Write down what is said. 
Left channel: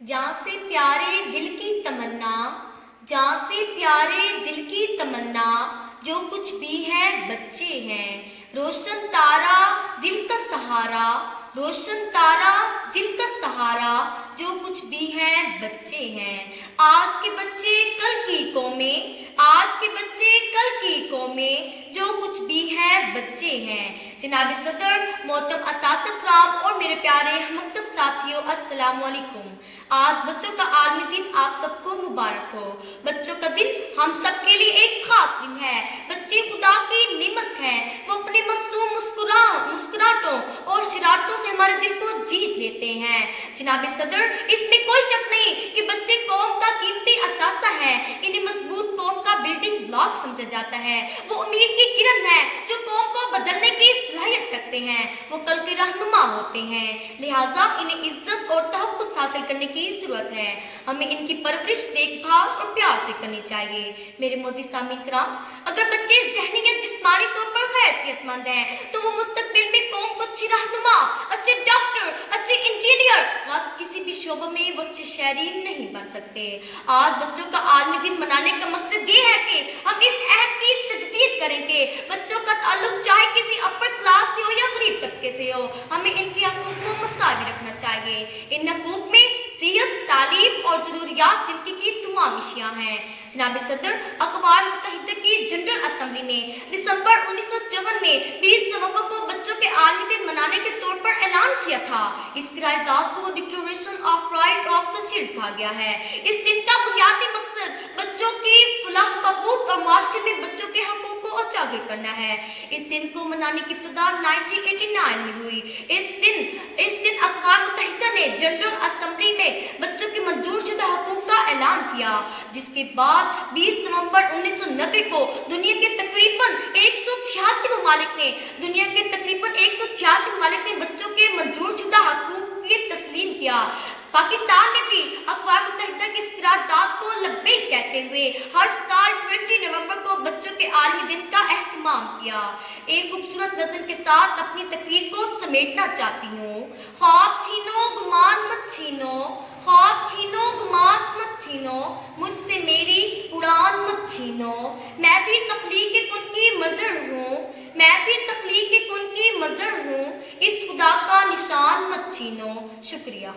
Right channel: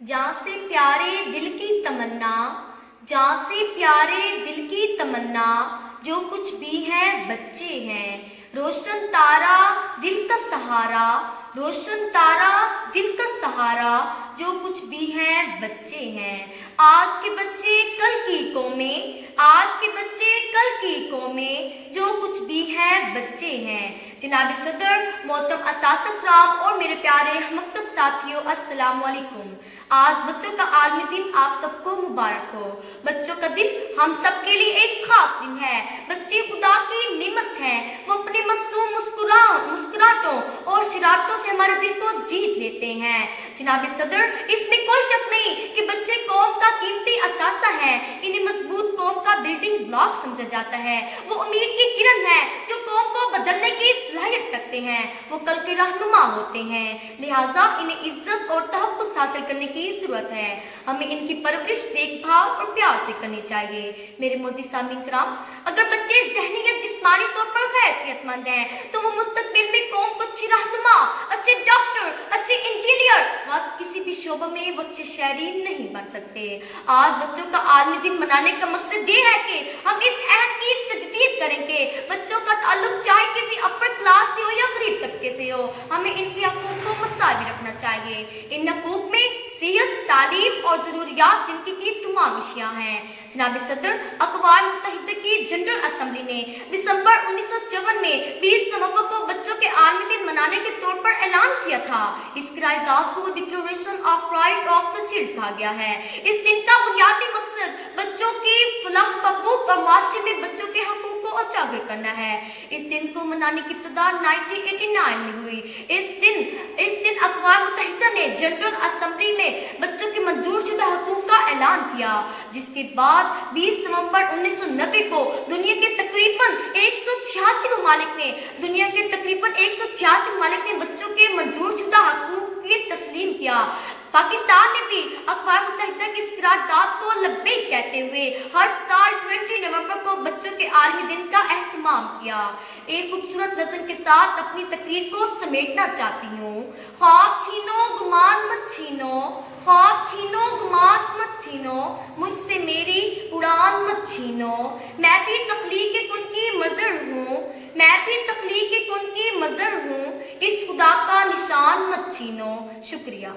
जहाँ से प्यारे दिल की तमन्ना, जहाँ से प्यारे दिल की तमन्ना, जो कुछ भी है बच्चे हैं। रोशन तारा दिल का सहारा, रोशन तारा दिल का सहारा, जो कुछ भी है बच्चे हैं। आज के बच्चे कल की कौमें, आज के बच्चे कल की कौमें, जो कुछ भी है बच्चे हैं। जनाब सदर, मोहतरम असातिज़ इकराम और मेरे प्यारे हममकतब साथियों, अस्सलाम वालेकुम। आज बच्चों का आलमी दिन आप सबको मुबारक हो। बच्चों का दिन हम सब के लिए एक खास दिन है। बच्चे खुदा की नेमत हैं। वो अपने मासूम मुस्कुराहटों और शरारतों से हमारे दिल को जीत लेते हैं। जनाब सदर, इसमें कोई शक नहीं कि बच्चे कौम का कीमती असासा है। इन्हें मजबूत कौम का बिल्डिंग ब्लॉक समझा जाता है। वो उम्मीद की किरण है जो कौम को बदलने की सलाहियत रखते हैं। वो कल के रहनुमा होते हैं। लिहाजा इन्हें इज्जत और तहफ़्फ़ुज़ हासिल करने की जरूरत है। हमें इनकी परवरिश, देखभाल और प्यार से करनी चाहिए। मेरे मोअज़्ज़िज़ सामीन कराम, अगर बच्चे ज़हनी या जिस्मानी तौर पर हैसियतमंद हैं तो वो मुस्तकबिल में कौम को अच्छी रहनुमा, अच्छे डॉक्टर, अच्छे इंजीनियर, किसी भी शोबे में वो अच्छे शहरी नहीं बन सकते। आज बच्चों का आलमी दिन मनाने का मकसद ये है कि हम इस अहद की तजदीद करेंगे। बच्चों का ताल्लुक चाहे किसी अपर क्लास से हो या गरीब तबके से हो, हमें इनके हकूक को मसावी रखना चाहिए। इन हकूक में सेहत, तालीम और जरूरियात जिंदगी की तमाम अशियाँ हैं। जनाब सदर, अक़वाम मुत्तहिदा की जनरल असम्बली ने दिसंबर 1954 में 20 नवंबर को बच्चों के आलमी दिन मनाने के तौर पर ऐलान किया था। इस करारदाद को declaration of right of the child कहा गया है। इस दिन का बुनियादी मकसद बच्चों की फलाह बहबूद और माशरे में बच्चों के हकूक को उजागर करना है। इस दिन को मनाने की इब्तिदा 1989 में हुई। इस दिन अक़वाम मुत्तहिदा ने जनरल असम्बली में बच्चों के मंजूर शुदा हकूक का ऐलान किया, जिसके बाद 20 नवंबर 1990 को दुनिया के तकरीबन 186 ममालिक ने बच्चों के मंजूर शुदा हकूक की तस्लीम किया। पाकिस्तान ने भी अक़वाम मुत्तहिदा की इस करारदाद को लब्बैक कहते हुए हर साल 20 नवंबर को बच्चों के आलमी दिन का एहतमाम किया। एक खूबसूरत नज़म के साथ अपनी तकरीर को समेटना चाहती हूँ। ख्वाब छीनो गुमान मत छीनो, ख्वाब छीनो गुमान मत छीनो, मुझसे मेरी उड़ान मत छीनो। मैं भी तख्लीक़ कुन की मज़र हूँ, मैं भी तख्लीक़ कुन की मज़र हूँ, इस खुदा का निशान मत छीनो। शुक्रिया।